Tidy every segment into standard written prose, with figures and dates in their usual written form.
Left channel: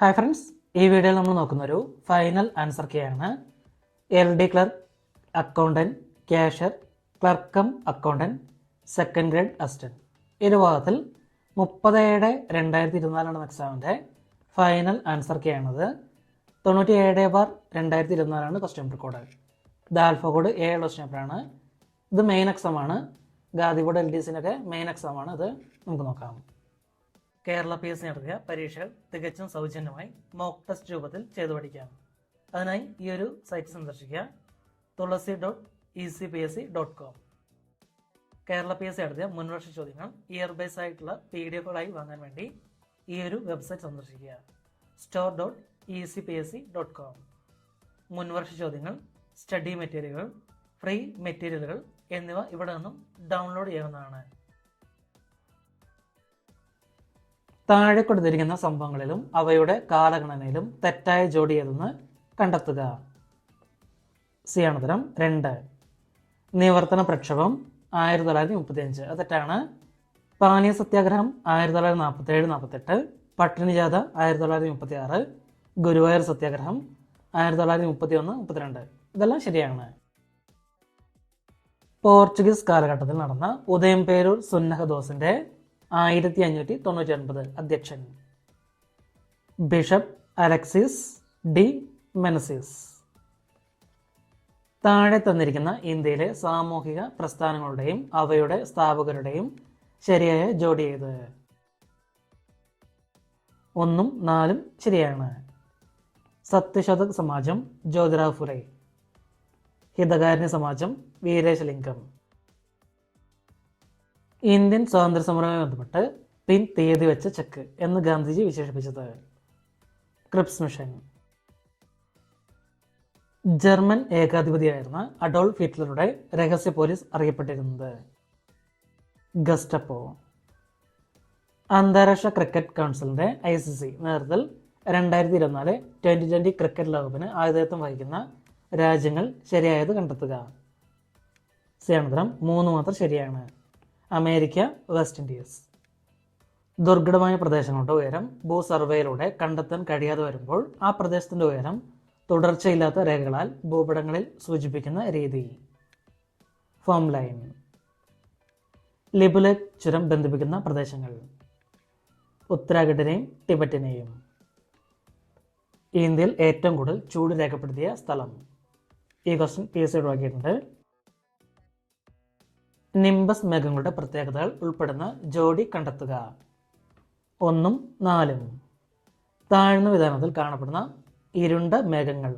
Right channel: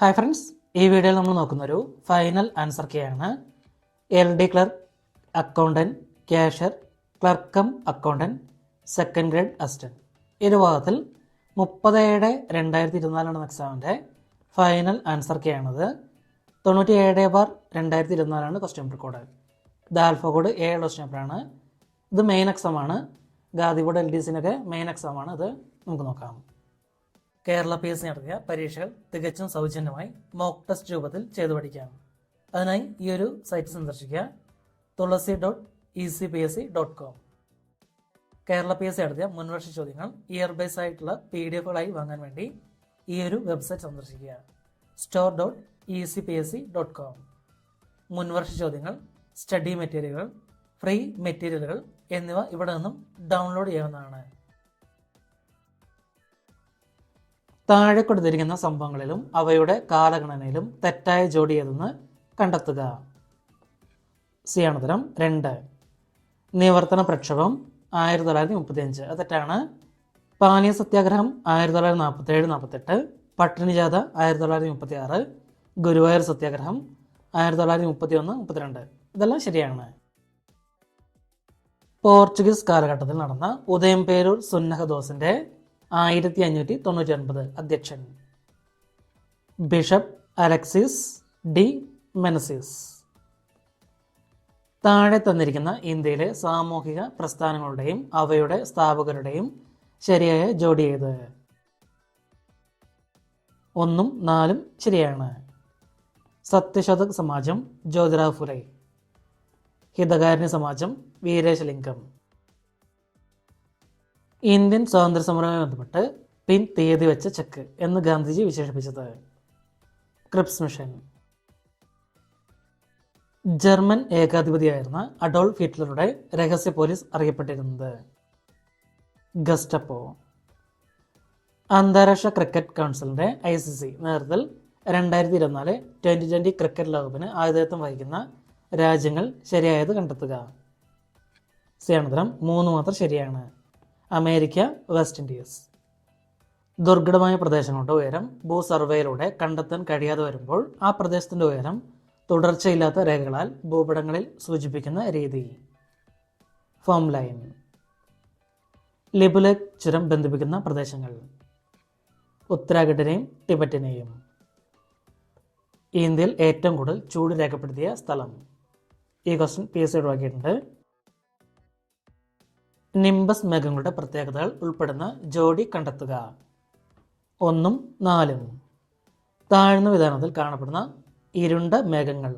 Hi friends, ഈ വീഡിയോയിൽ നമ്മൾ നോക്കുന്നൊരു ഫൈനൽ ആൻസർ കീയാണ്. LD clerk, accountant, cashier, clerk cum accountant, second grade assistant. ഈ ഒരു ഭാഗത്തിൽ 30/2024 എക്സാമിൻ്റെ ഫൈനൽ ആൻസർ കീയാണത്. 97/2024 ക്വസ്റ്റ്യൻ പേപ്പർ കോഡ്. ഇത് ആൽഫ കോഡ് 7 ക്വസ്റ്റ്യൻ പേപ്പറാണ്. ഇത് മെയിൻ എക്സാമാണ്. ഗാന്ധി ബോർഡ് LDCനൊക്കെ മെയിൻ എക്സാമാണ്. ഇത് നമുക്ക് നോക്കാം. കേരള PSC നടത്തിയ പരീക്ഷകൾ തികച്ചും സൗജന്യമായി മോക്ക് ടെസ്റ്റ് രൂപത്തിൽ ചെയ്തു പഠിക്കാം. അതിനായി ഈ ഒരു സൈറ്റ് സന്ദർശിക്കുക, tulasi.ecpsc.com. കേരള PSC നടത്തിയ മുൻവർഷ ചോദ്യങ്ങൾ ഇയർ ബൈസ് ആയിട്ടുള്ള PDF-കളായി വാങ്ങാൻ വേണ്ടി ഈ ഒരു വെബ്സൈറ്റ് സന്ദർശിക്കുക, store.ecpsc.com. മുൻവർഷ ചോദ്യങ്ങൾ, സ്റ്റഡി മെറ്റീരിയലുകൾ, ഫ്രീ മെറ്റീരിയലുകൾ എന്നിവ ഇവിടെ നിന്നും ഡൗൺലോഡ് ചെയ്യാവുന്നതാണ്. താഴെ കൊടുത്തിരിക്കുന്ന സംഭവങ്ങളിലും അവയുടെ കാലഗണനയിലും തെറ്റായ ജോഡി ഏതെന്ന് കണ്ടെത്തുക. സി ആണ് ഉത്തരം 2. നിവർത്തന പ്രക്ഷോഭം 1935, അത് തെറ്റാണ്. പാനീയ സത്യാഗ്രഹം 1947-48, പട്ടിണി ജാഥ 1936, ഗുരുവായൂർ സത്യാഗ്രഹം 1931-32, ഇതെല്ലാം ശരിയാണ്. പോർച്ചുഗീസ് കാലഘട്ടത്തിൽ നടന്ന ഉദയംപേരൂർ സുന്നഹദോസിന്റെ 1599 അധ്യക്ഷൻ ബിഷപ്പ് അലക്സിസ് ഡി മെനസിസ്. താഴെ തന്നിരിക്കുന്ന ഇന്ത്യയിലെ സാമൂഹിക പ്രസ്ഥാനങ്ങളുടെയും അവയുടെ സ്ഥാപകരുടെയും ശരിയായ ജോഡി ഏത്? 1ഉം 4ഉം ശരിയാണ്. സത്യശോധക് സമാജം ജ്യോതിറാവ് ഫുലെ, ഹിതകാരുണ്യ സമാജം വീരേശലിംഗം. ഇന്ത്യൻ സ്വാതന്ത്ര്യ സമരവുമായി ബന്ധപ്പെട്ട് പിൻ തീയതി വെച്ച ചെക്ക് എന്ന് ഗാന്ധിജി വിശേഷിപ്പിച്ചത്? Cripps mission. ജർമ്മൻ ഏകാധിപതിയായിരുന്ന അഡോൾഫ് ഹിറ്റ്ലറുടെ രഹസ്യ പോലീസ് അറിയപ്പെട്ടിരുന്നത്? ഗസ്റ്റപ്പോ. അന്താരാഷ്ട്ര ക്രിക്കറ്റ് കൗൺസിലിന്റെ ICC നേതൃത്വത്തിൽ 2024 T20 ക്രിക്കറ്റ് ലോകകപ്പിന് ആതിഥേയത്വം വഹിക്കുന്ന രാജ്യങ്ങൾ ശരിയായത് കണ്ടെത്തുക. സിയാണുത്തരം 3 മാത്രം ശരിയാണ്. America, west Indies. ദുർഘടമായ പ്രദേശങ്ങളുടെ ഉയരം ഭൂസർവേയിലൂടെ കണ്ടെത്താൻ കഴിയാതെ വരുമ്പോൾ ആ പ്രദേശത്തിന്റെ ഉയരം തുടർച്ചയില്ലാത്ത രേഖകളാൽ ഭൂപടങ്ങളിൽ സൂചിപ്പിക്കുന്ന രീതി? Form line. ലിബുലേഖ് ചുരം ബന്ധിപ്പിക്കുന്ന പ്രദേശങ്ങൾ? ഉത്തരാഖണ്ഡിനെയും ടിബറ്റിനെയും. ഇന്ത്യയിൽ ഏറ്റവും കൂടുതൽ ചൂട് രേഖപ്പെടുത്തിയ സ്ഥലം? ഈ ക്വസ്റ്റ്യൻ PSC ഒഴിവാക്കിയിട്ടുണ്ട്. നിംബസ് മേഘങ്ങളുടെ പ്രത്യേകതകൾ ഉൾപ്പെടുന്ന ജോഡി കണ്ടെത്തുക. 1ഉം 4ഉം. താഴ്ന്ന വിധാനത്തിൽ കാണപ്പെടുന്ന ഇരുണ്ട മേഘങ്ങൾ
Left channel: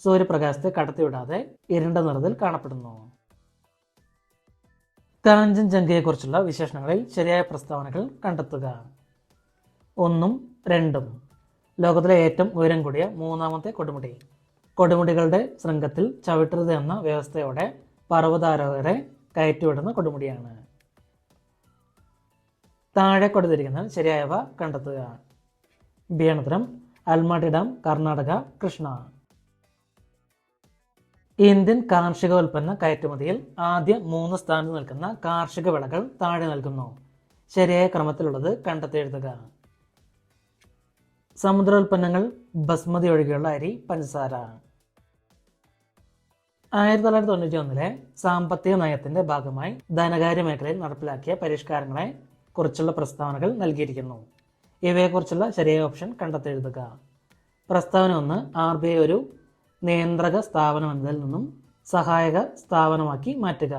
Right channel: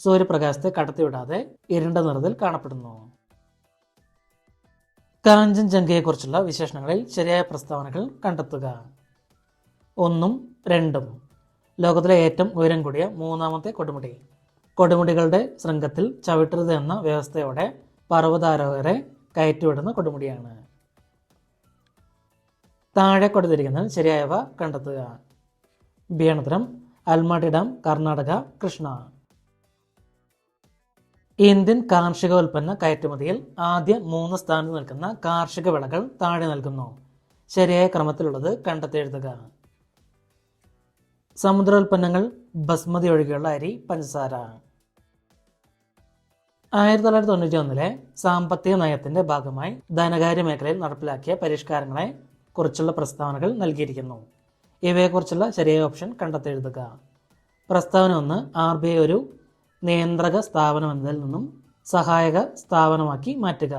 സൂര്യപ്രകാശത്തെ കടത്തിവിടാതെ ഇരുണ്ട നിറത്തിൽ കാണപ്പെടുന്നു. കാഞ്ചൻജംഗയെക്കുറിച്ചുള്ള വിശേഷണങ്ങളിൽ ശരിയായ പ്രസ്താവനകൾ കണ്ടെത്തുക. 1ഉം 2ഉം. ലോകത്തിലെ ഏറ്റവും ഉയരം കൂടിയ 3ാമത്തെ കൊടുമുടി. കൊടുമുടികളുടെ ശൃംഖത്തിൽ ചവിട്ടരുത് എന്ന വ്യവസ്ഥയോടെ പർവ്വതാരോഹകരെ കയറ്റിവിടുന്ന കൊടുമുടിയാണ്. താഴെ കൊടുത്തിരിക്കുന്നത് ശരിയായവ കണ്ടെത്തുക. ബിയാണുത്തരം അൽമാട്ടി ഡാം, കർണാടക, കൃഷ്ണ. ഇന്ത്യൻ കാർഷികോൽപ്പന്ന കയറ്റുമതിയിൽ ആദ്യ 3 സ്ഥാനത്ത് നിൽക്കുന്ന കാർഷിക വിളകൾ താഴെ നൽകുന്നു. ശരിയായ ക്രമത്തിലുള്ളത് കണ്ടെത്തെഴുതുക. സമുദ്രോൽപ്പന്നങ്ങൾ ബസ്മതി ഒഴികെയുള്ള അരി, പഞ്ചസാര. 1991 സാമ്പത്തിക നയത്തിന്റെ ഭാഗമായി ധനകാര്യ മേഖലയിൽ നടപ്പിലാക്കിയ പരിഷ്കാരങ്ങളെ കുറിച്ചുള്ള പ്രസ്താവനകൾ നൽകിയിരിക്കുന്നു. ഇവയെക്കുറിച്ചുള്ള ശരിയായ ഓപ്ഷൻ കണ്ടെത്തെഴുതുക. പ്രസ്താവന 1, RBI ഒരു നിയന്ത്രക സ്ഥാപനം എന്നതിൽ നിന്നും സഹായക സ്ഥാപനമാക്കി മാറ്റുക.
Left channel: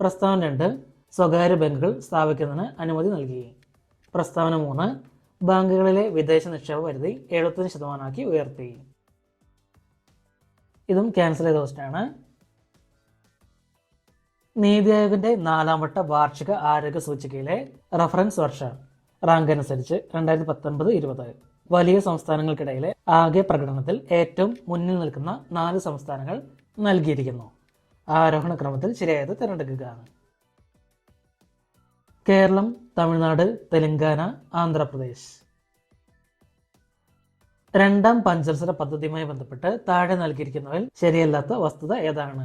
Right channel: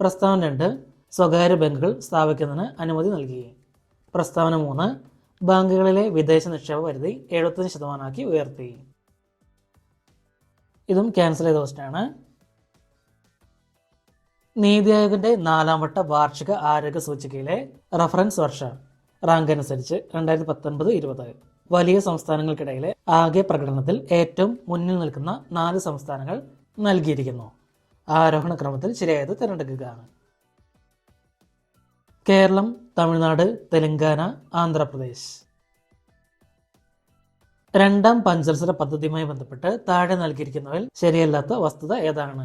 പ്രസ്താവന 2, സ്വകാര്യ ബാങ്കുകൾ സ്ഥാപിക്കുന്നതിന് അനുമതി നൽകി. പ്രസ്താവന 3, ബാങ്കുകളിലെ വിദേശ നിക്ഷേപ പരിധി 75% ഉയർത്തി. ഇതും ക്യാൻസൽ ചെയ്ത ക്വസ്റ്റ്യനാണ്. നീതി ആയോഗിന്റെ 4ാം വട്ട വാർഷിക ആരോഗ്യ സൂചികയിലെ റഫറൻസ് വർഷ റാങ്ക് അനുസരിച്ച് 2019-20 വലിയ സംസ്ഥാനങ്ങൾക്കിടയിലെ ആകെ പ്രകടനത്തിൽ ഏറ്റവും മുന്നിൽ നിൽക്കുന്ന 4 സംസ്ഥാനങ്ങൾ നൽകിയിരിക്കുന്നു. ആരോഹണ ക്രമത്തിൽ ശരിയായത് തിരഞ്ഞെടുക്കുക. കേരളം, തമിഴ്നാട്, തെലങ്കാന, ആന്ധ്രാപ്രദേശ്. 2ാം പഞ്ചവത്സര പദ്ധതിയുമായി ബന്ധപ്പെട്ട് താഴെ നൽകിയിരിക്കുന്നവയിൽ ശരിയല്ലാത്ത വസ്തുത ഏതാണ്?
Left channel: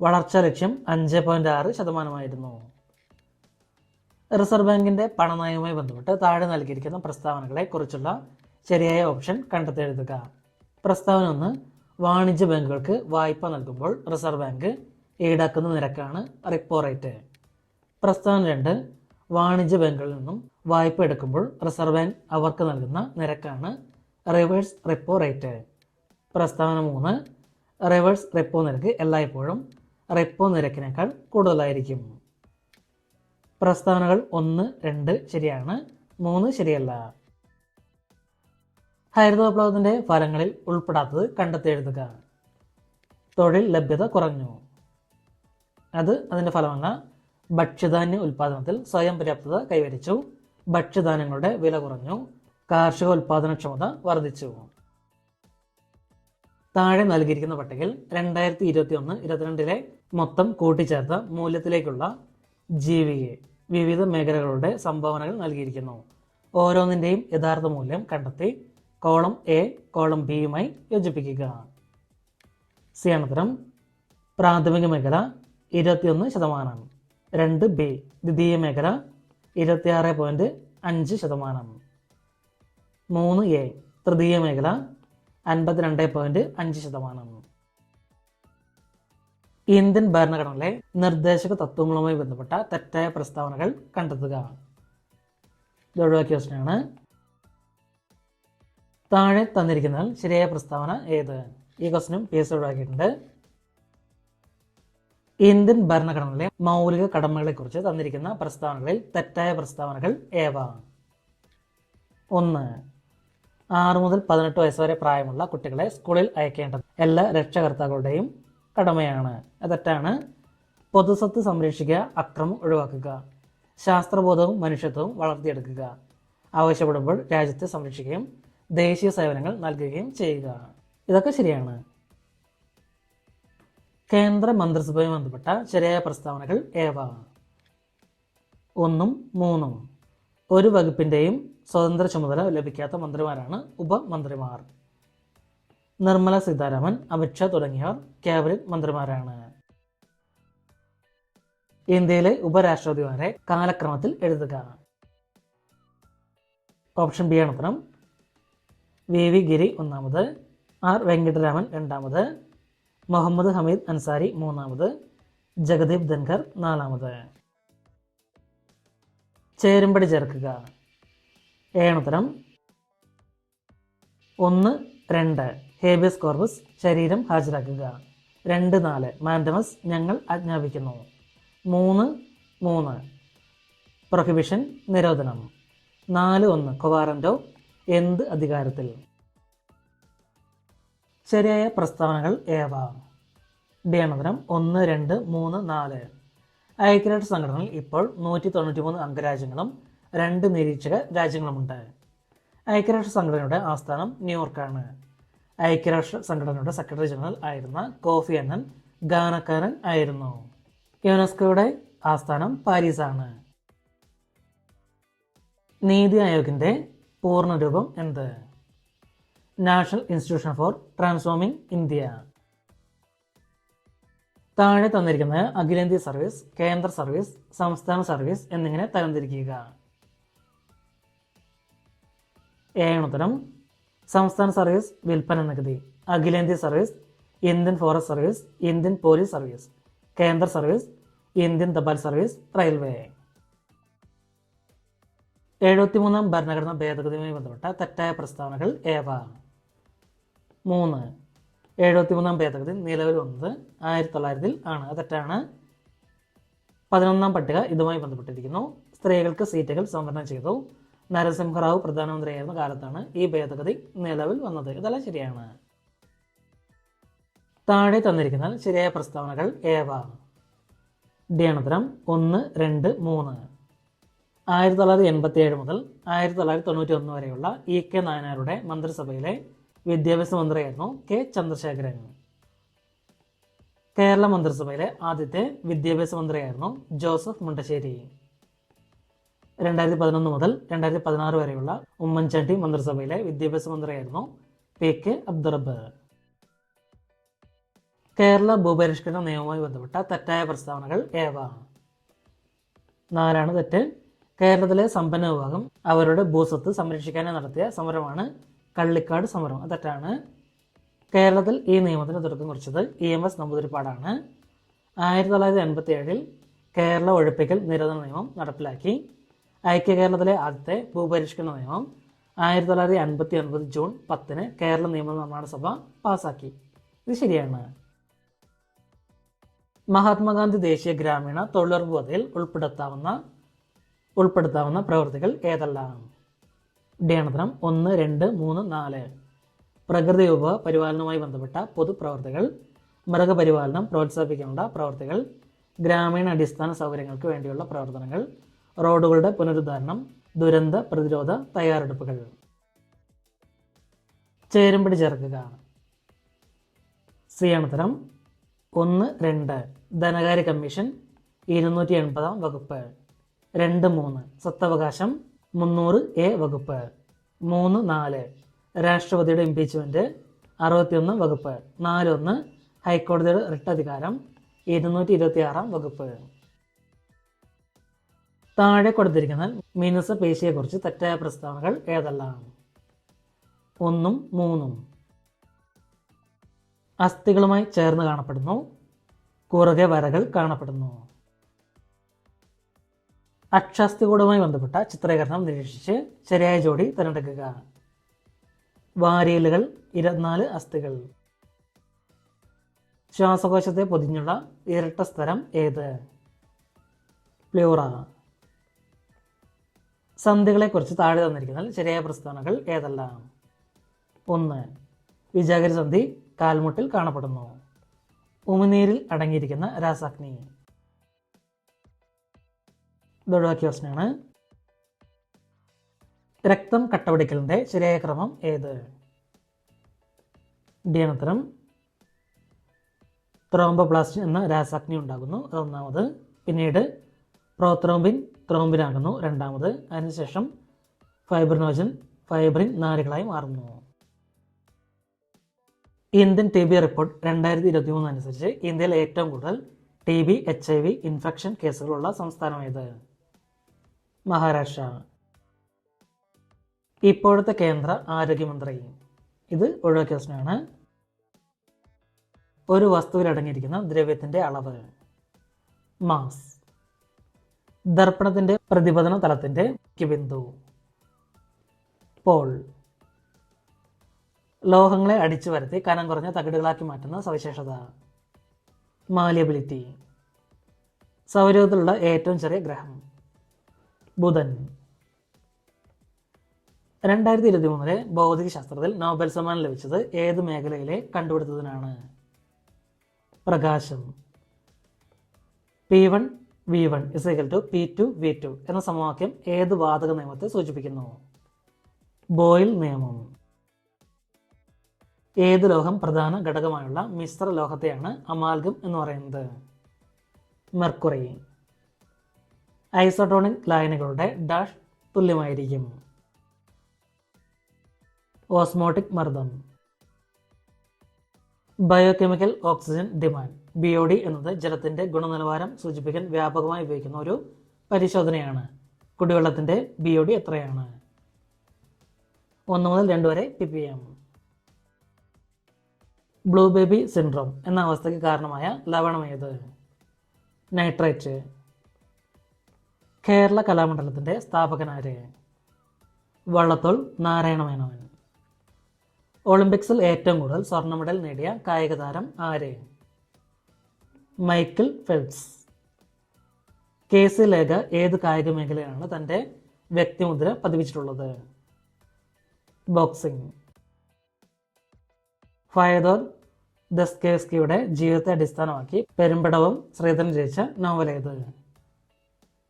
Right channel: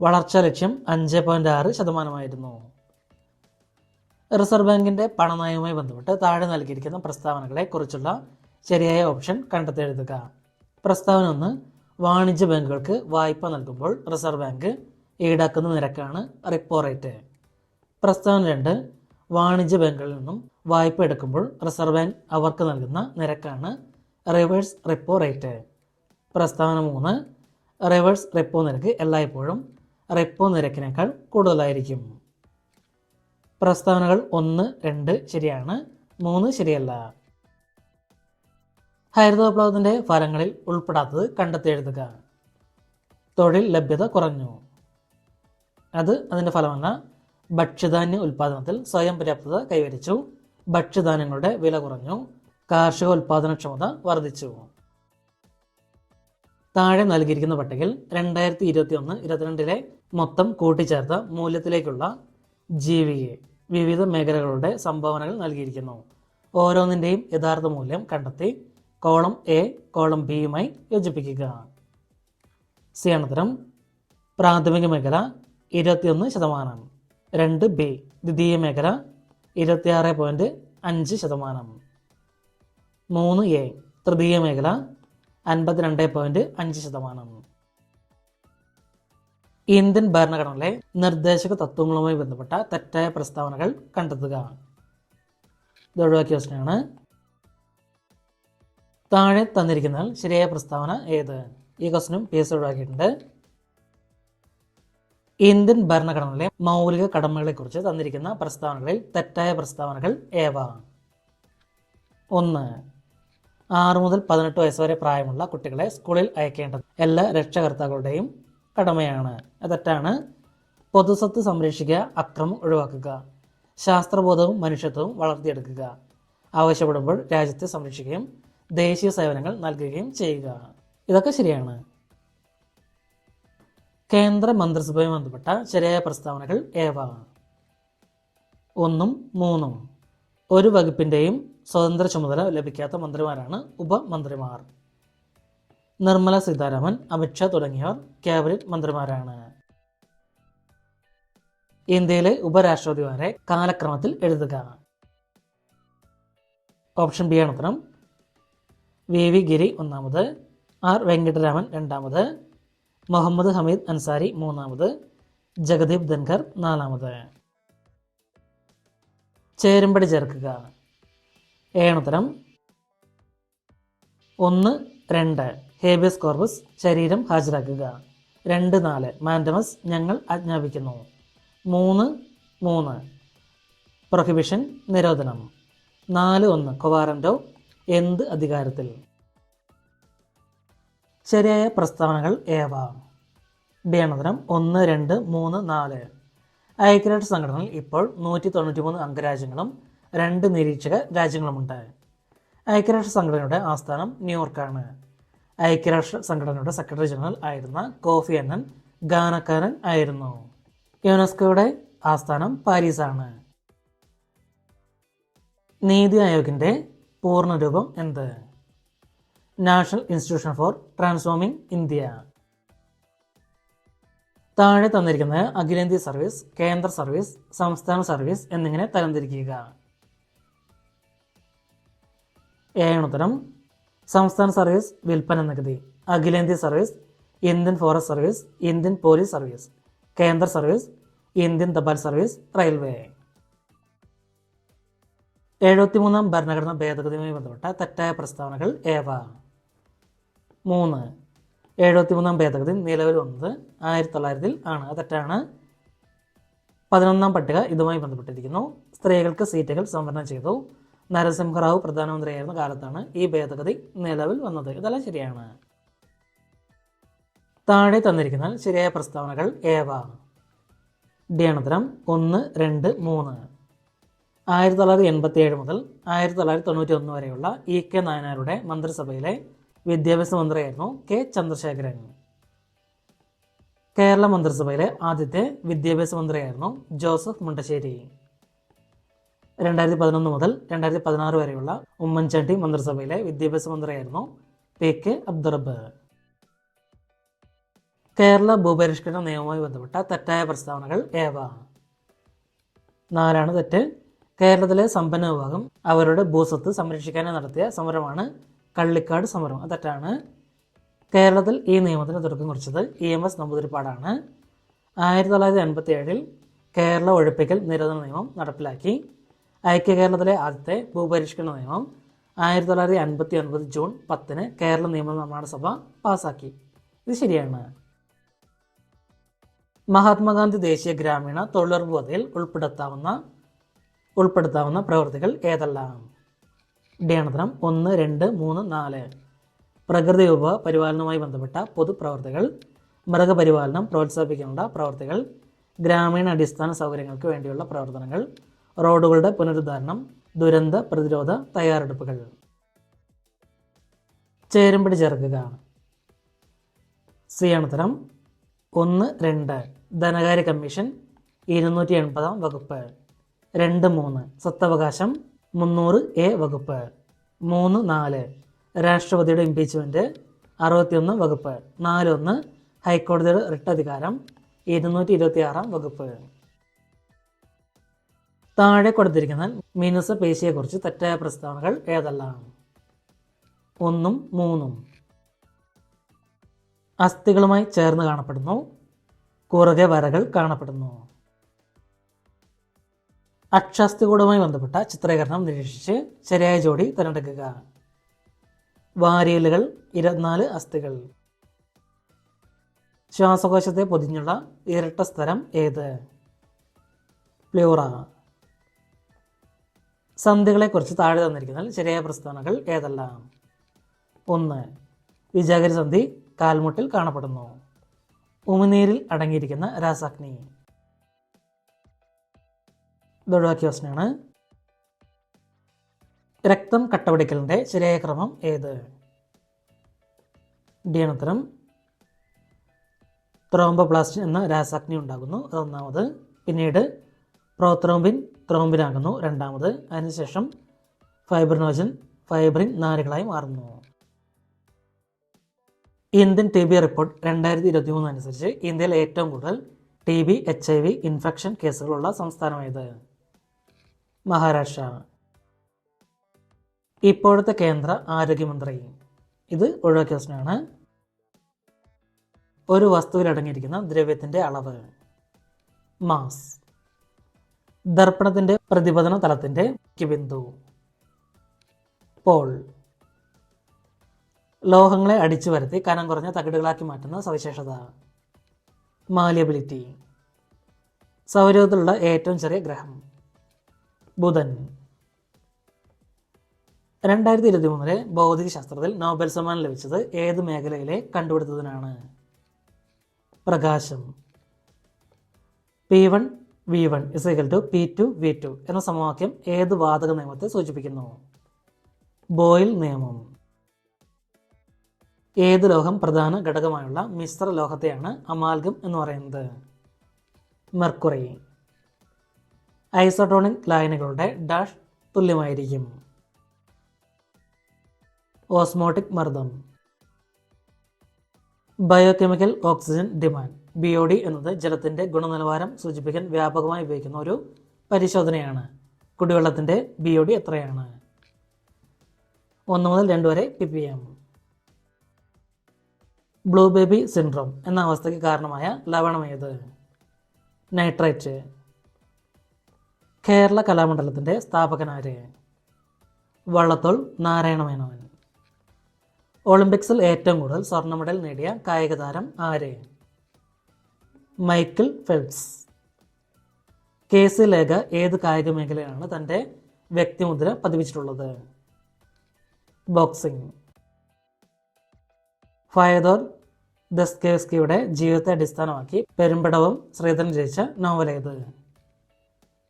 വളർച്ചാ ലക്ഷ്യം 5.6% റിസർവ് ബാങ്കിന്റെ പണനയവുമായി ബന്ധപ്പെട്ട് താഴെ നൽകിയിരിക്കുന്ന പ്രസ്താവനകളെ കുറിച്ചുള്ള ശരിയായ ഓപ്ഷൻ കണ്ടെത്തി എഴുതുക. പ്രസ്താവന 1, വാണിജ്യ ബാങ്കുകൾക്ക് വായ്പ നൽകുമ്പോൾ റിസർവ് ബാങ്ക് ഈടാക്കുന്ന നിരക്കാണ് റിപ്പോ റേറ്റ്. പ്രസ്താവന 2, വാണിജ്യ ബാങ്കുകളിൽ നിന്നും വായ്പ എടുക്കുമ്പോൾ റിസർവ് ബാങ്ക് അവർക്ക് നൽകുന്ന നിരക്കാണ് റിവേഴ്സ് റിപ്പോ റേറ്റ്. പ്രസ്താവന 3, റിവേഴ്സ് റിപ്പോ നിരക്ക് എല്ലായ്പ്പോഴും റിപ്പോ നിരക്കിനേക്കാൾ കൂടുതലായിരിക്കും. പ്രസ്താവനകൾ 1, 2 ശരിയാണ്, 3 ശരിയല്ല. ഹരിത വിപ്ലവത്തിന്റെ ഫലങ്ങളിൽ ഉൾപ്പെടാത്തത് കണ്ടെത്തി എഴുതുക. തൊഴിൽ ലഭ്യത കുറഞ്ഞു. അതിന്റെ ഫലമല്ല. ഭക്ഷ്യധാന്യ ഉൽപാദനത്തിൽ സ്വയം പര്യാപ്തത കൈവരിച്ചു. ഭക്ഷ്യധാന്യങ്ങളുടെ വില കുറഞ്ഞു. കാർഷിക ഉൽപാദനക്ഷമത വർദ്ധിച്ചു. താഴെ നൽകിയിരിക്കുന്ന പട്ടികയിൽ 2021-22 മൊത്തം കൂട്ടിച്ചേർത്ത മൂല്യത്തിലേക്കുള്ള GVA വിവിധ മേഖലകളുടെ സംഭാവനകൾ നൽകിയിരിക്കുന്നു. ഓരോന്നിന്റെയും യഥാർത്ഥ മൂല്യം കണ്ടെത്തി കോളം A കോളം Bയുമായി യോജിപ്പിക്കുക. ഉത്തരം പ്രാഥമിക മേഖല 21%, 2B ദ്വിതീയ മേഖല 26.5%, 3A തൃതീയ മേഖല 52.5%. ഇന്ത്യൻ ഭരണഘടനയിലെ നിർദ്ദേശക തത്വങ്ങളുമായി ബന്ധപ്പെട്ട തെറ്റായ പ്രസ്താവനകൾ കണ്ടെത്തുക. ഇത് ഒഴിവാക്കിയ ക്വസ്റ്റ്യനാണ്. താഴെ തന്നിരിക്കുന്നതിൽ ശരിയായ പ്രസ്താവന ഏത്? ഈ ക്വസ്റ്റ്യനും PS ഒഴിവാക്കിയിട്ടുണ്ട്. ഇന്ത്യൻ ഭരണഘടനയിലെ മൗലിക കടമകളെ കുറിച്ച് തന്നിരിക്കുന്ന പ്രസ്താവനകളിൽ തെറ്റായ പ്രസ്താവനകൾ ഏവ? 1, 6 മുതൽ 18 വയസ്സ് വരെ പ്രായമുള്ള കുട്ടികളെ സ്കൂളിൽ അയക്കേണ്ടത് എല്ലാ രക്ഷകർത്താക്കളുടെയും കടമയാണ്. തെറ്റാണ്. പൊതുസ്വത്ത് സംരക്ഷിക്കുക, അക്രമം ഒഴിവാക്കുക, ശാസ്ത്രബോധവും മനുഷ്യത്വവും വളർത്തിയെടുക്കുക, ആവശ്യപ്പെടുമ്പോൾ രാജ്യത്തെ സംരക്ഷിക്കുകയും ദേശീയ സേവനങ്ങൾ നൽകുകയും ചെയ്യുക. ഇതൊക്കെ ശരിയാണ്. കേന്ദ്ര മന്ത്രിസഭയുമായി ബന്ധപ്പെട്ട ശരിയായ പ്രസ്താവനകൾ ഏവ? 1, 3 ഒരു വകുപ്പിന്റെയും സ്വതന്ത്ര ചുമതല ലഭിക്കാത്ത മന്ത്രിമാരാണ് ഉപമന്ത്രിമാർ. നിർമ്മല സീതാരാമൻ, അമിത്ഷാ തുടങ്ങിയവർ ക്യാബിനറ്റ് മന്ത്രിമാരാണ്. ഇന്ത്യയിലെ ഉപരാഷ്ട്രപതിമാരെ കാലക്രമത്തിൽ എഴുതുക. ഓപ്ഷൻ ബി ആണ് ഉത്തരം. VV ഗിരി 1, R വെങ്കിട്ടരാമൻ 2, മുഹമ്മദ് ഹമീദ് അൻസാരി 3, ജഗദീപ് ധൻഖർ 4. ചേരുംപടി ചേർക്കുക. ഉത്തരം 1, 2 ഹേബിയസ് കോർപ്പസ് ശരീരം ഹാജരാക്കുക. 2, 4 മാൻഡമസ് ഞങ്ങൾ ആജ്ഞാപിക്കുന്നു. 3, 3 പ്രൊഹിബിഷൻ നിരോധനം. 4, 1 കൊവാറന്റോ എന്ത് അധികാരത്തിൽ? ശരിയായ പ്രസ്താവനകൾ ഏവ? ഡി ആണ് ഉത്തരം. 1, 2, 3, 4 ഐക്യരാഷ്ട്ര സംഘടനയിൽ ഇപ്പോൾ 193 അംഗരാജ്യങ്ങളും 2 നിരീക്ഷക രാജ്യങ്ങളുമുണ്ട്. ഐക്യരാഷ്ട്ര സംഘടനയുടെ ആസ്ഥാനം ന്യൂയോർക്കാണ്. ഐക്യരാഷ്ട്ര സംഘടനയുടെ സെക്രട്ടറി ജനറൽ ആയിരുന്ന കോഫി അന്നൻ ഗാനക്കാരൻ ആയിരുന്നു. യുനെസ്കോയുടെ ആസ്ഥാനം പാരീസാണ്. നീതി ആയോഗിന്റെ പൂർണ്ണരൂപം എന്ത്? National institution for transforming India. താഴെ തന്നിരിക്കുന്ന അഖിലേന്ത്യാ സർവീസ്, കേന്ദ്ര സർവീസ്, സംസ്ഥാന സർവീസ് എന്നിങ്ങനെ തരംതിരിക്കുക. ഉത്തരം സംസ്ഥാന സർവീസ് വിൽപ്പന നികുതി, അഖിലേന്ത്യാ service Indian forest service, Indian police service, കേന്ദ്ര സർവീസ് ഇന്ത്യൻ തപാൽ സർവീസ്, റെയിൽവേ. 73ാം ഭരണഘടനാ ഭേദഗതിയുമായി ബന്ധപ്പെട്ട തെറ്റായ പ്രസ്താവനകൾ ഏവ? 3, 73ാം ഭേദഗതി നിലവിൽ വന്നത് 1900 ആണ്. തെറ്റാണ്. 11ാം പട്ടിക ഇതുമായി ബന്ധപ്പെട്ടിരിക്കുന്നു. സ്ത്രീകൾക്ക് സീറ്റുകൾ സംവരണം ചെയ്തു. നരസിംഹറാവു പ്രധാനമന്ത്രിയായിരുന്ന കാലത്താണ് ഈ ഭേദഗതി നിലവിൽ വന്നത്. ഇതെല്ലാം ശരിയാണ്. താഴെ തന്നിരിക്കുന്ന ശരിയായ പ്രസ്താവനകൾ ഏവ? ഡി ആണ് ഉത്തരം. 1, 2, 3 1987 മുതൽ 1991 വരെയുള്ള EK നായനാരുടെ മന്ത്രിസഭയിലെ വിദ്യാഭ്യാസ മന്ത്രിയായിരുന്നു K ചന്ദ്രശേഖരൻ. കേരള മന്ത്രിസഭയിലെ ആദ്യത്തെ വിദ്യാഭ്യാസ മന്ത്രിയായിരുന്നു ജോസഫ് മുണ്ടശ്ശേരി. 2011 മുതൽ 2016 വരെയുള്ള ഉമ്മൻചാണ്ടി മന്ത്രിസഭയിലെ വിദ്യാഭ്യാസ മന്ത്രിയായിരുന്നു PK അബ്ദുറബ്ബ്. കേരള ഭൂപരിഷ്കരണ നിയമവുമായി ബന്ധപ്പെട്ട തെറ്റായ പ്രസ്താവനകൾ ഏവ? 4 തെറ്റ്. കേരളത്തിലെ സമ്പന്ന വിഭാഗം അവരുടെ ഭൂസ്വത്ത് സംരക്ഷിക്കാനായി നടത്തിയ സമരമാണ് കള്ളിക്കാട് സമരം. അത് തെറ്റാണ്. കേരളത്തിൽ ഈ നിയമത്തിന് തുടക്കം കുറിച്ചത് EMS നമ്പൂതിരിപ്പാടാണ്. 1987 കേരള ഒഴിപ്പിക്കൽ നിരോധന നിയമം നടപ്പിലാക്കി. ഐക്യ കേരളത്തിലെ ആദ്യത്തെ ഭൂപരിഷ്കരണ നിയമം 1959 ജൂൺ 10 കേരള നിയമനിർമ്മാണ സഭ പാസാക്കി. ഇത് ശരിയാണ്. മഹാത്മാഗാന്ധി ദേശീയ ഗ്രാമീണ തൊഴിലുറപ്പ് പദ്ധതിയിൽ ഉൾപ്പെടുത്താവുന്ന പ്രവൃത്തികൾ ഏതെല്ലാം? ഡേണതരം 1, 2, 3, 4. പ്രകൃതി വിഭവ പരിപാലനവുമായി ബന്ധപ്പെട്ട പൊതുപ്രവർത്തികൾ, മൃഗപരിപാലനം പ്രോത്സാഹിപ്പിക്കാനുള്ള പ്രവർത്തികൾ, ഗ്രാമീണ അടിസ്ഥാന സൗകര്യങ്ങൾക്ക് വേണ്ടിയുള്ള പ്രവർത്തനങ്ങൾ, റോഡുകളുടെ പുനരുദ്ധാരണം, ദുരന്ത പ്രതിരോധ തയ്യാറെടുപ്പുകൾ. ചേരുംപടി ചേർക്കുക. സി ആണ് ഉത്തരം. 1, 2 ധനകാര്യ കമ്മീഷൻ 280 വകുപ്പ്. 2, 3 സ്വത്തവകാശം 300A വകുപ്പ്. 3, 4 രാഷ്ട്രപതിയുടെ ഇംപീച്ച്മെന്റ് 61 വകുപ്പ്. 4, 1 ഹൈക്കോടതിയുടെ റിട്ട് അധികാരം 226 വകുപ്പ്. താഴെ കൊടുത്തിരിക്കുന്ന മീനസപേശിയെക്കുറിച്ച് തെറ്റായ പ്രസ്താവനകൾ ഏതെല്ലാം? 1, 3 അസ്ഥികളുമായി ചേർന്ന് കാണപ്പെടുന്നു. കുറുകെ വരകൾ കാണപ്പെടുന്നു. അക്ഷാസ്ഥികൂടവുമായി ബന്ധപ്പെട്ട ചിത്രീകരണം നിരീക്ഷിച്ച് ശരിയായ ജോഡി തിരഞ്ഞെടുക്കുക. വാരിയലുകൾ 24 അസ്ഥികൾ. ശ്വാസകോശത്തെ പൊതിഞ്ഞുള്ള ഇരട്ട സ്ഥലം ഏത്? പ്ലൂറ. സന്ധികളെക്കുറിച്ച് താഴെ തന്നിരിക്കുന്നതിൽ ശരിയായ പ്രസ്താവനകൾ ഏതെല്ലാം? 1 വിജാഗിരി സന്ധി കാൽമുട്ടിൽ കാണപ്പെടുന്നു. ഉമിനീരിൽ അടങ്ങിയിരിക്കുന്ന രാസാഗ്നി. ഇതൊഴിവാക്കിയ പ്രശ്നമാണ്. രക്തം കട്ടപിടിക്കലിൻ്റെ ശരിയായ ക്രമം ഏത്? ഡി ആണ് ഉത്തരം. ത്രോംബോപ്ലാസ്റ്റിൻ എന്ന രാസാഗ്നി ഉണ്ടാകുന്നു, അതൊന്നാമത്. പിന്നീട് പ്രോത്രോംബിൻ ത്രോംബിനാകുന്നു, രണ്ടാമത്. അതിനുശേഷം ഫൈബ്രിൻ നാരുകളായി മാറുന്നു. ഇന്ത്യൻ TB റിപ്പോർട്ട് 2023 അനുസരിച്ച് ഇന്ത്യയിൽ ഏറ്റവും കൂടുതൽ TB HIV ഇൻഫെക്ഷൻ കേസുകളുള്ള സംസ്ഥാനം ഏത്? മഹാരാഷ്ട്ര. ഇപ്പോഴത്തെ കേന്ദ്ര ആരോഗ്യമന്ത്രി. ഇത് ഒഴിവാക്കിയ പ്രശ്നമാണ്. ഒരു വസ്തുവിൽ അടങ്ങിയിരിക്കുന്ന ദ്രവ്യത്തിന്റെ അളവ്. മാസ്. ദർപ്പണത്തിന്റെ പ്രതിപതന തലത്തിന്റെ ബിന്ദു. പോൾ. ലോഹങ്ങളെ അടിച്ചു വരുത്തി കനം കുറഞ്ഞ തകിടുകളാക്കി മാറ്റുന്ന സവിശേഷത. മാലിയബിലിറ്റി. സൗരയൂഥത്തിലുള്ള ഏറ്റവും ചെറിയ ഗ്രഹം ബുധൻ. 2023 ഭൗതിക ശാസ്ത്രത്തിൽ നോബൽ സമ്മാനം ലഭിച്ചത് ഏത് മേഖലയിലെ കണ്ടുപിടുത്തത്തിനാണ്? പ്രകാശം. P1 V1 = P2 V2 എന്ന സമവാക്യം ഏത് വാതക നിയമത്തെ സൂചിപ്പിക്കുന്നു? ബോയിൽ നിയമം. ഏത് ലോഹം പ്രധാന ഘടകമായുള്ള മിശ്ര ലോഹത്തെയാണ് അമാൽഗം എന്ന് പറയുന്നത്? മെർക്കുറി. ഐസോട്ടോണിക് ലായനികളുടെ ഡാഷ് തുല്യമായിരിക്കും. ഓസ്മോട്ടിക് മർദ്ദം. ബയോകെമിക്കൽ ഓക്സിജൻ ഡിമാൻഡ് BOD എന്നത് ജലത്തിന്റെ ഗുണനിലവാരം സൂചിപ്പിക്കാൻ വ്യാപകമായി ഉപയോഗിക്കുന്ന ഒരു പരിശോധനയാണ്. കുടിവെള്ളത്തിന്റെ BOD എത്രയാണ്? 1 മുതൽ 2 വരെ ppm. ബ്ലൂ ബേബി സിൻഡ്രോം എന്ന അവസ്ഥയ്ക്ക് കാരണമായ ലവണം ഏത്? നൈട്രേറ്റ്. കേരള കലാമണ്ഡലത്തിന്റെ സ്ഥാപകനാര്? വള്ളത്തോൾ നാരായണ മേനോൻ. ഒളിമ്പിക്സിൽ ഏറ്റവും കൂടുതൽ സ്വർണ്ണ മെഡൽ നേടിയ കായിക താരം ആര്? Michael Phelps. KC ലേഖ ഏത് കായിക മേഖലയാണ് തൻ്റെ വ്യക്തിമുദ്ര പതിപ്പിച്ചിട്ടുള്ളത്? ബോക്സിംഗ്. ഫയദോർ ദസ്തയേവ്സ്കിയുടെ ജീവിതത്തെ അടിസ്ഥാനമാക്കി പെരുമ്പടവം ശ്രീധരൻ രചിച്ച നോവലേത്?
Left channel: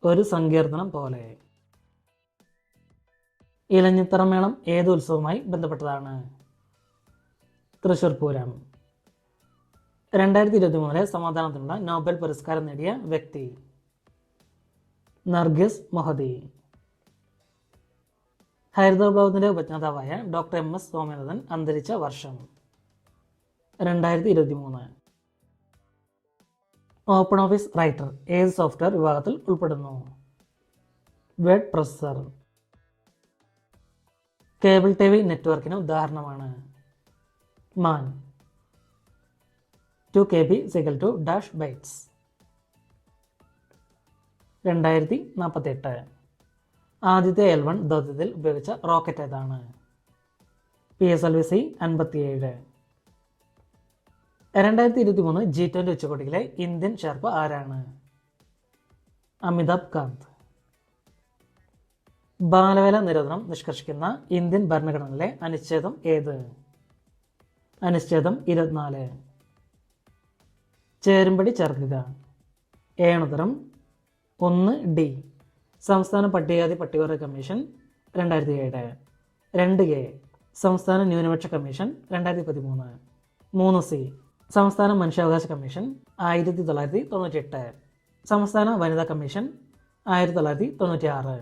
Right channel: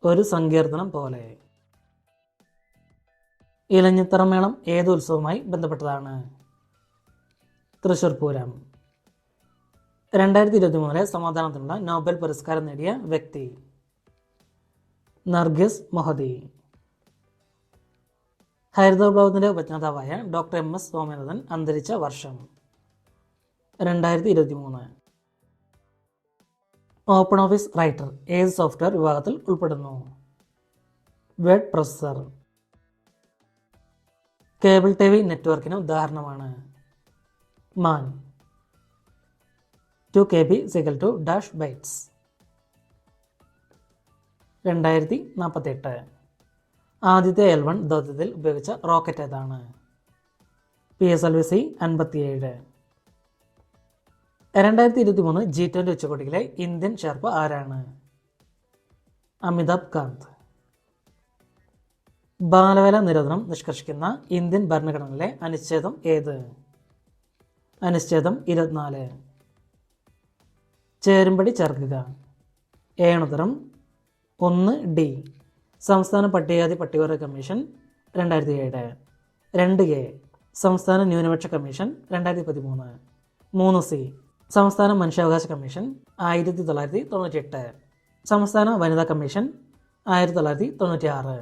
ഒരു സങ്കീർത്തനം പോലെ. ഇലഞ്ഞിത്തറമേളം ഏത് ഉത്സവവുമായി ബന്ധപ്പെട്ടതാണ്? തൃശ്ശൂർ പൂരം. 2023 സമാധാനത്തിനുള്ള നോബൽ പുരസ്കാരം നേടിയ വ്യക്തി? Narges Mohammadi. ഹരിതവിപ്ലവത്തിന്റെ ഉപജ്ഞാതാവായ ഡോക്ടർ MS സ്വാമിനാഥൻ അന്തരിച്ച വർഷം? 2023. ഓപ്പൺ ഓഫീസ് റൈറ്റർ ഏത് സോഫ്റ്റ്വെയർ വിഭാഗത്തിൽ ഉൾപ്പെടുന്നു? Word processor. Cable T V നെറ്റ്വർക്കിന് ഉദാഹരണമാണ് മാൻ. 2 KB = -bytes. 2048. ആദ്യത്തെ L1 ദൗത്യത്തിൽ ഉപയോഗിച്ച റോക്കറ്റ് ഏതാണ്? PSLV-C 57. 2023 G20 ഉച്ചകോടിയിലെ ഇന്ത്യൻ ഷെർപ്പ ആരാണ്? അമിതാഭ് കാന്ത്. ബാലവേല നിരോധനം നിഷ്കർഷിക്കുന്ന ഇന്ത്യൻ ഭരണഘടനയിലെ അനുച്ഛേദം ഏത്? അനുച്ഛേദം 24. ചേരുംപടി ചേർക്കുക. ഏണുതരം 1D. സംസ്ഥാന പട്ടികജാതി പട്ടികവർഗ കമ്മീഷൻ 2007. 2A. സംസ്ഥാന ന്യൂനപക്ഷ കമ്മീഷൻ 2013. 3C. സംസ്ഥാന മനുഷ്യാവകാശ കമ്മീഷൻ 1998. സംസ്ഥാന വനിതാ കമ്മീഷൻ 1996.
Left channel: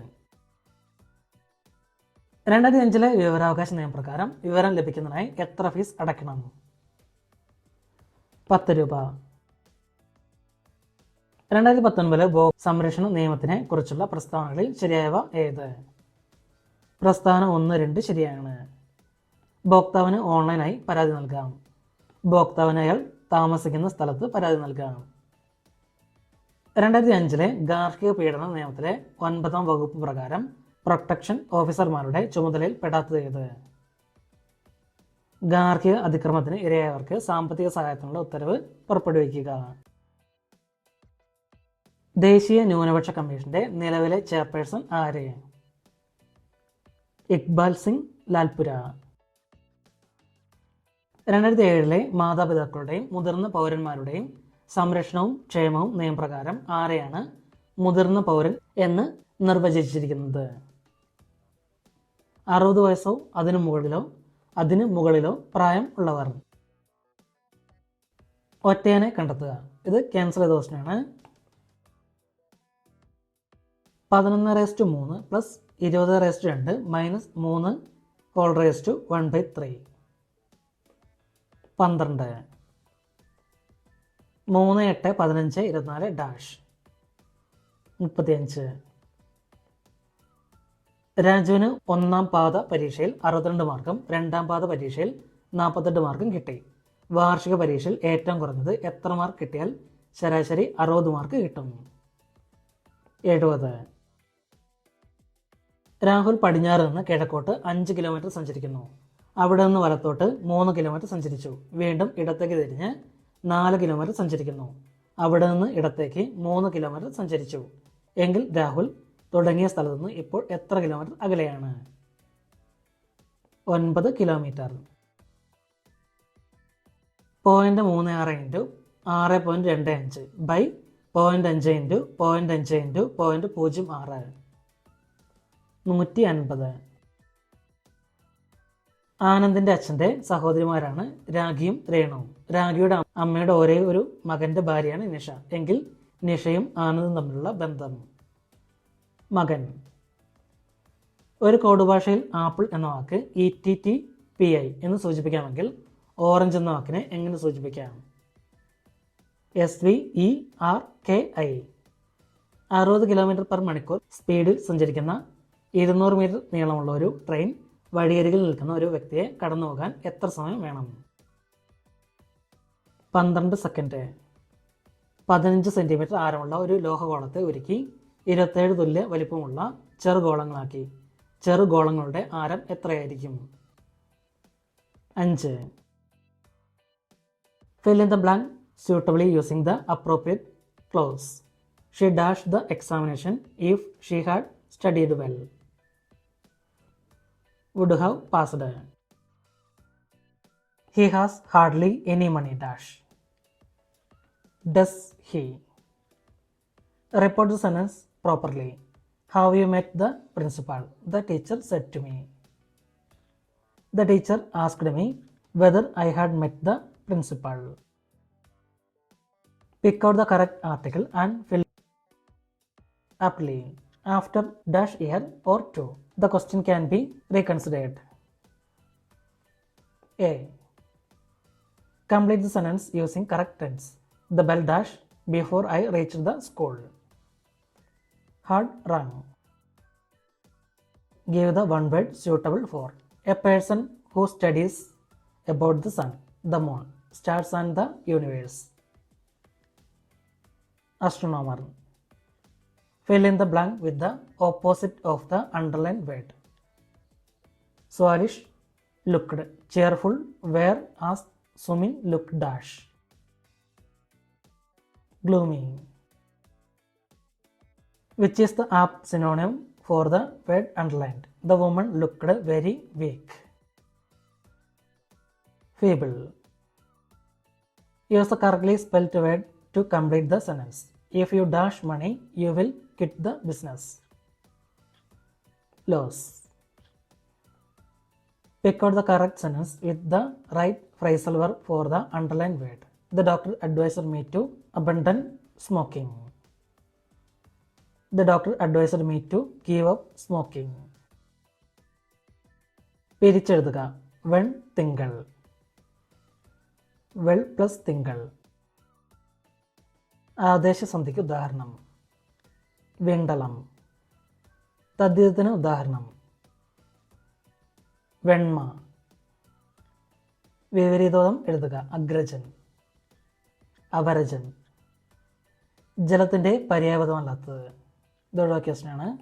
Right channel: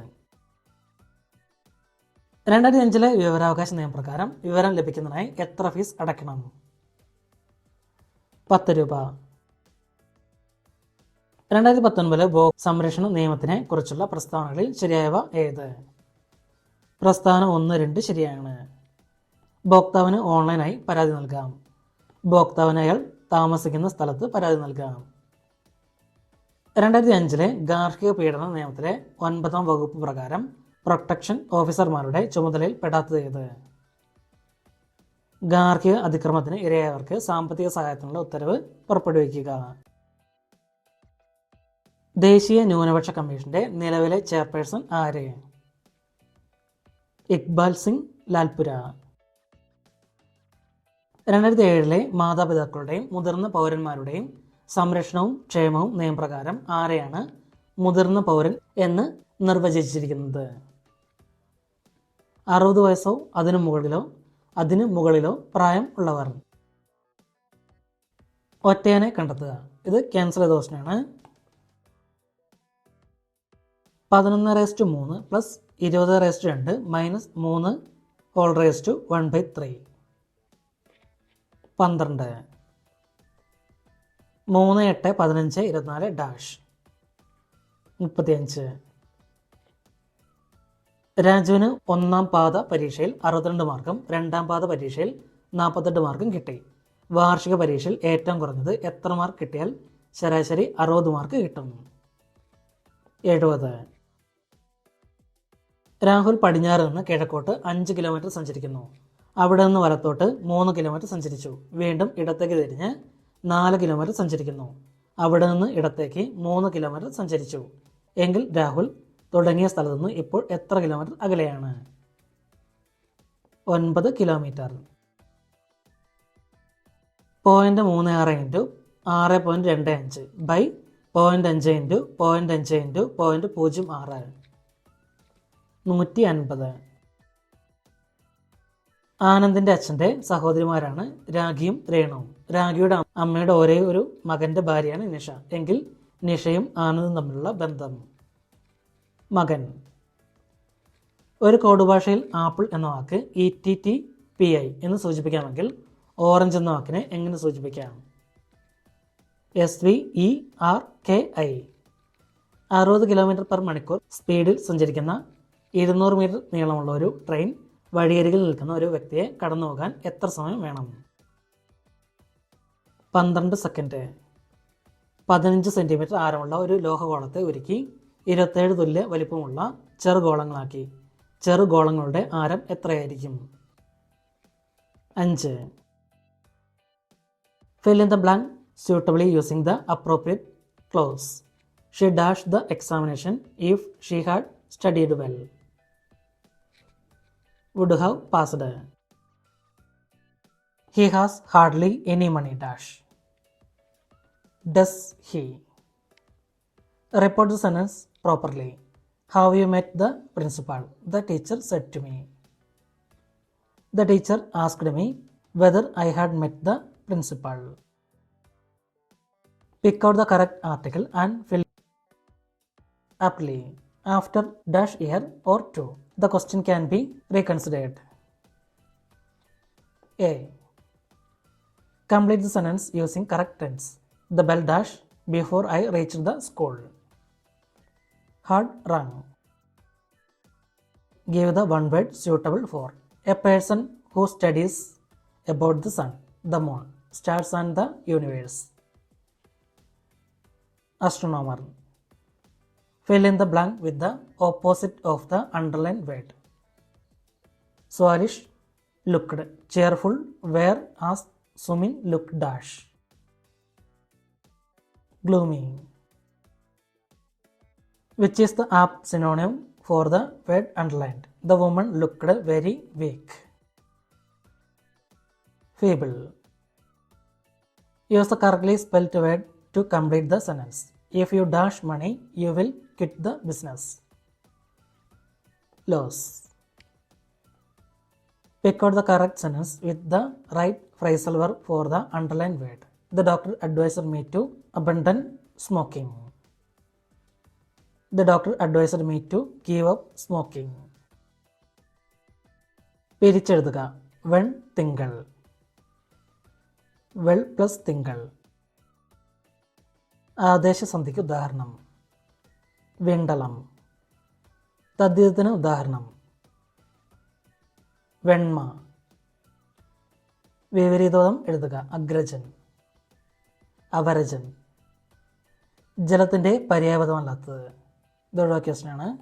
2005 വിവരാവകാശ നിയമപ്രകാരം വിവരം ലഭിക്കുന്നതിനായി എത്ര ഫീസ് അടയ്ക്കണം? 10 രൂപ. 2019 സംരക്ഷണ നിയമത്തിനെ കുറിച്ചുള്ള പ്രസ്താവനകളിൽ ശരിയായവ ഏത്? പ്രസ്താവന 1, 2 ശരിയാണ്. ഭോക്താവിന് ഓൺലൈനായി പരാതി നൽകാം. ഭോക്താവിന് അയാൾ താമസിക്കുന്ന സ്ഥലത്ത് പരാതി നൽകാം. 2005 ഗാർഹിക പീഡന നിയമത്തിലെ 9ാം വകുപ്പ് പ്രകാരം പ്രൊട്ടക്ഷൻ ഓഫീസർമാരുടെ ചുമതലയിൽ പെടാത്തത് ഏത്? ഗാർഹിക അതിക്രമത്തിന് ഇരയായവർക്ക് സാമ്പത്തിക സഹായത്തിനുള്ള ഉത്തരവ് പുറപ്പെടുവിക്കുക. ദേശീയ ന്യൂനപക്ഷ കമ്മീഷന്റെ നിലവിലെ ചെയർപേഴ്സൺ ആര്? ഇക്ബാൽ സിംഗ് ലാൽപുര. 2007 മാതാപിതാക്കളുടെയും മുതിർന്ന പൗരന്മാരുടെയും സംരക്ഷണവും ക്ഷേമവും നിയമപ്രകാരം ആരെയാണ് മുതിർന്ന പൗരൻ എന്ന് നിർവചിച്ചിരിക്കുന്നത്? 60 വയസ്സോ അതിനു മുകളിലോ പ്രായം ഉള്ളവർ. ഒറ്റയാനെ കണ്ടെത്തുക. ഇത് ക്യാൻസർ ദോഷനാണ്. 11/3 plus 20/2 minus 3 1/3. 12. 3, 8, 15, 24 ഡാഷ്. 35. രാജുവിന് 1ാം പാദ പരീക്ഷയിൽ 62 മാർക്കും 2ാം പാദ പരീക്ഷയിൽ 48 മാർക്കും കിട്ടി. വാർഷിക പരീക്ഷയിൽ ഏറ്റവും കുറഞ്ഞത് എത്ര മാർക്ക് കിട്ടിയാൽ ശരാശരി 60 മാർക്ക് കിട്ടും? 70. രാഹുൽ പടിഞ്ഞാറ് നിന്ന് കിഴക്കോട്ട് 5 കിലോമീറ്റർ സഞ്ചരിക്കുന്നു. അവിടെ നിന്ന് വലത്തോട്ട് 3 കിലോമീറ്റർ സഞ്ചരിച്ചു. വീണ്ടും ഇടത്തേക്ക് തിരിഞ്ഞ് 4 കിലോമീറ്റർ സഞ്ചരിക്കുന്നു. അവിടെ നിന്ന് ഇടത്തേക്ക് 3 കിലോമീറ്റർ സഞ്ചരിച്ചു. എങ്കിൽ രാഹുൽ തുടങ്ങിയ സ്ഥലത്ത് നിന്ന് ഇപ്പോൾ എത്ര കിലോമീറ്റർ അകലെയാണ്? 9 കിലോമീറ്റർ. 0.36 × 6.25 ബൈ 0.5 × 0.5 × 0.06 150. ആനന്ദിന്റെ അച്ഛൻ്റെ സഹോദരിമാരാണ് രാഖിയും രേണുവും. രാഖിയുടെ അമ്മയുടെ ഒരേ ഒരു മകന്റെ ഭാര്യയാണ് നിഷ. എങ്കിൽ നിഷയും ആനന്ദും തമ്മിലുള്ള ബന്ധം? മകൻ. ഒരു കോഡ് ഭാഷയിൽ ആപ്പിൾ എന്ന വാക്ക് ETTPI എന്ന് സൂചിപ്പിക്കാമെങ്കിൽ ഓറഞ്ച് എന്ന വാക്കിനെ എങ്ങനെ സൂചിപ്പിക്കാം? SVERKI. 60 km/മണിക്കൂർ സ്പീഡിൽ സഞ്ചരിക്കുന്ന 200 മീറ്റർ നീളമുള്ള ഒരു ട്രെയിൻ വഴിയരികിൽ നിൽക്കുന്ന ഒരു വ്യക്തിയെ കടന്നു പോകാൻ എത്ര സമയം വേണം? 12 സെക്കൻഡ്. 15 സെൻറ്റിമീറ്റർ ആരമുള്ള ഒരു ലോഹഗോളത്തെ ഉരുക്കി 27 തുല്യ വലിപ്പമുള്ള ചെറുഗോളങ്ങളാക്കി. ചെറുഗോളങ്ങളുടെ ആരം എത്രയായിരിക്കും? 5. Fill in the blank suitably using the appropriate clause. She dashed the examination if she had studied well. Would have passed. He has hardly any money dash. Does he? Report the sentence properly. Have you met the principal? The teacher said to me. The teacher asked me whether I had met the principal. Pick out the correct article and fill aptly after dash year or two. The question can be reconsidered. A. Complete the sentence using correct tense. The bell dash before I reached the school. Had rung. Give the one word suitable for. A person who studies about the sun, the moon, stars and the universe. Astronomer. Fill in the blank with the opposite of the underlined word. Swallish, looked. Cheerful, whereas swimming looked dash. Gloomy. Which is the apt synonym for the word underlined? The woman looked very weak. Feeble. Use the correctly spelled word to complete the sentence. If you dash money, you will quit the business. Loss. Pick out the correct sentence with the right phrasal verb for the underlined word. The doctor advised me to abandon smoking. The doctor advised me to give up smoking. പിരിച്ചെഴുതുക. വെൺ തിങ്കൾ. വെൾ plus തിങ്കൾ. ആദേശസന്ധിക്ക് ഉദാഹരണം. വെണ്ടളം. തദ്ധിതത്തിന് ഉദാഹരണം. വെണ്മ. വിപരീതോദം എഴുതുക. അഗ്രജൻ. അപരജൻ. ജലത്തിൻ്റെ പര്യായപദമല്ലാത്തത്. ഇതൊഴിവാക്കിയ ക്വസ്റ്റ്യനാണ്.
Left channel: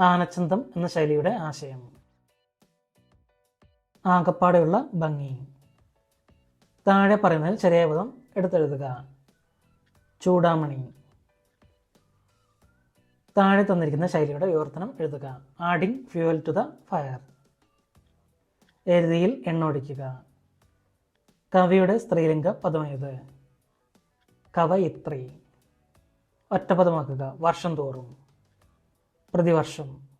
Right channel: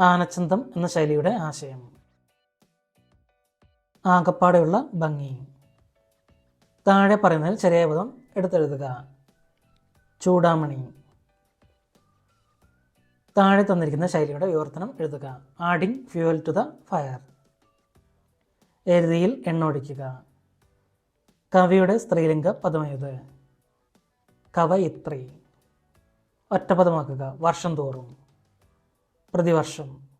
ആനച്ചന്തം എന്ന ശൈലിയുടെ ആശയം. ആകപ്പാടെയുള്ള ഭംഗി. താഴെ പറയുന്നതിൽ ശരിയായ പദം എടുത്തെഴുതുക. ചൂടാമണി. താഴെ തന്നിരിക്കുന്ന ശൈലിയുടെ വിവർത്തനം എഴുതുക. Adding fuel to the fire. എരുതിയിൽ എണ്ണ ഒഴിക്കുക. കവിയുടെ സ്ത്രീലിംഗ പദമേത്? കവയിത്രി. ഒറ്റപദമാക്കുക. വർഷം തോറും. പ്രതിവർഷം.